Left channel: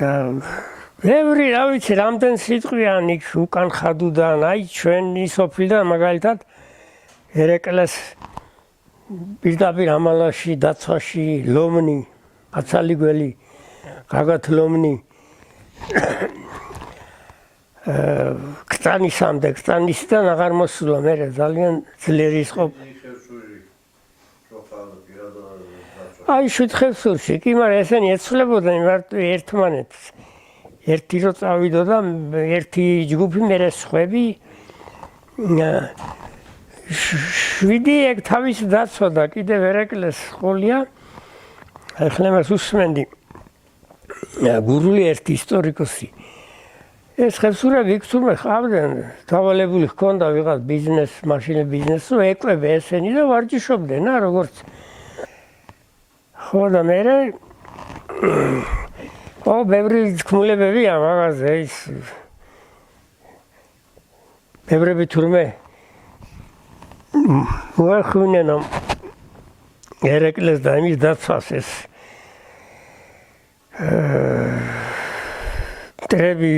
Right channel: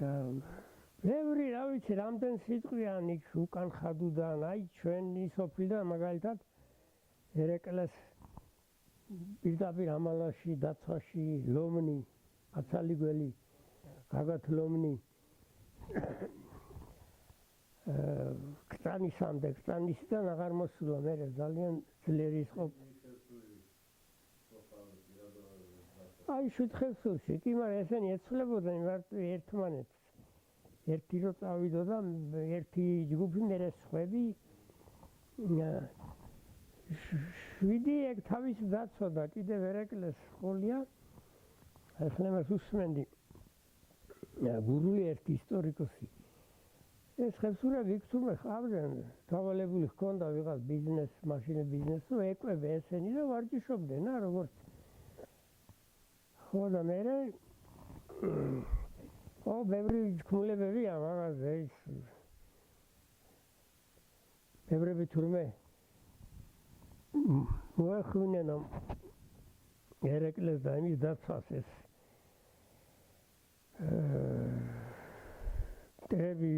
და ბევრი რა ვიცი რამდენ სიტყვიან იქ უკან ხადუდან აი ჩვენი სოფლიდან მაგალითად ერეკლეს პირდაპირ ამალაში დაცვაში ლომნი აცალიგველი გაგათ ლომნი კტანისამდე კტანისიდან აღარ მოსულა მე ძალიან ძლიერი იყო აი შუთხევსურში კი მაგრამ ესენი ეცვლებოდნენ მარტო ერთმანეთს ერთი რო წავიდო და ერთი ჯგუფი მერე სხვები 7 ეგ თავის დაცვა კიდევ ერეკლეს სკოლია ახლა მას უსმენდი გურული ერთი ისტორიკოსი ეს ხევსურები იქ თურმე ხავდნენ დავალებული ჰქონდა ვიღაც ბიზნეს მაშინ ბიზნესს რო ეკვებე ესენი და ვარჯიშობდნენ რა როგორც ხო და მე ბევრი თქმულებებია მაგაზე ის ბევრები თურმე მოახმენენ ერეკლეს და იმის დაცვას ეს ტრები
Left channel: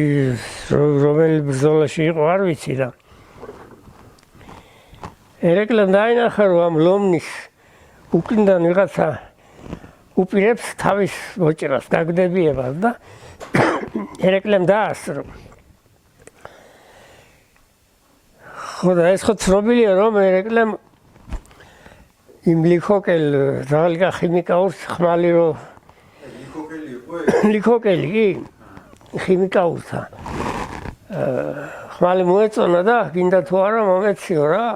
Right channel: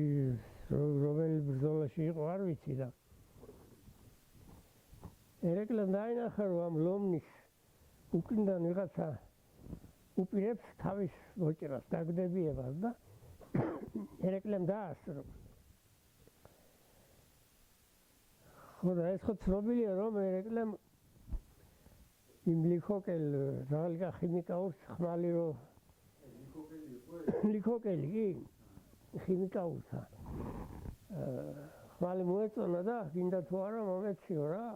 რომელი ბრძოლაში იყო არ ვიცი და ერეკლემ დაინახა რომ ამ ლომნის უკნიდან ვიღაცა უპირებს თავის მოჭრას გაგდებიებას და ერეკლემ დაასრო ხო და ეს ხო ცნობილია რომ ერეკლემ იმ ლიქოკელ ზაღლიკა ხიმიკაურს ხმალი რო ლიქოკელი კი ხიმიკაურსა ხმალი მოეწონა და გინდა თუ არა მომეციო რა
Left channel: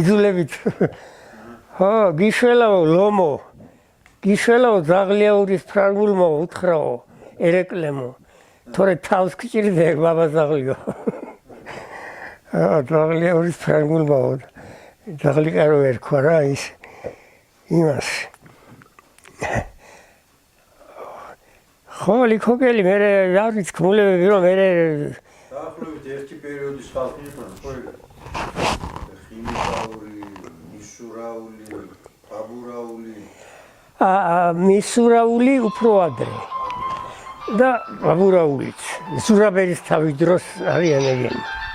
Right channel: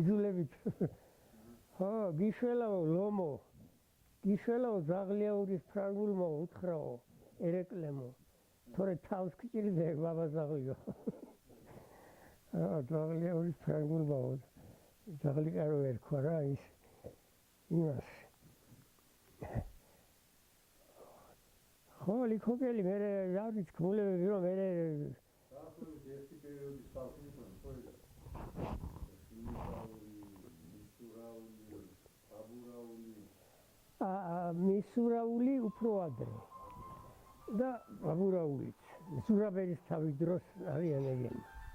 იძულებით ხო გიშველაო ლომო გიშველაო ზაღლიაურის ფრანგულმო უთხრაო ერეკლემო თორე თავს გჭირდება ბაბა ზაღლიო ზაღლიაურის ფრანგულმო ზაღლიკა რო ერქვა რა ის იმას ხო ლიქოკელი მე არ ვიცი თქმულებები რომ მე დაახლოებით ერთი პერიოდის ხალხი იყვნენ ხო ხიმიკაური მისურაული აბურაული მისურაული უფრო ადრე და აბურაულიც სურაბერის თავის დროს არიან ეგენი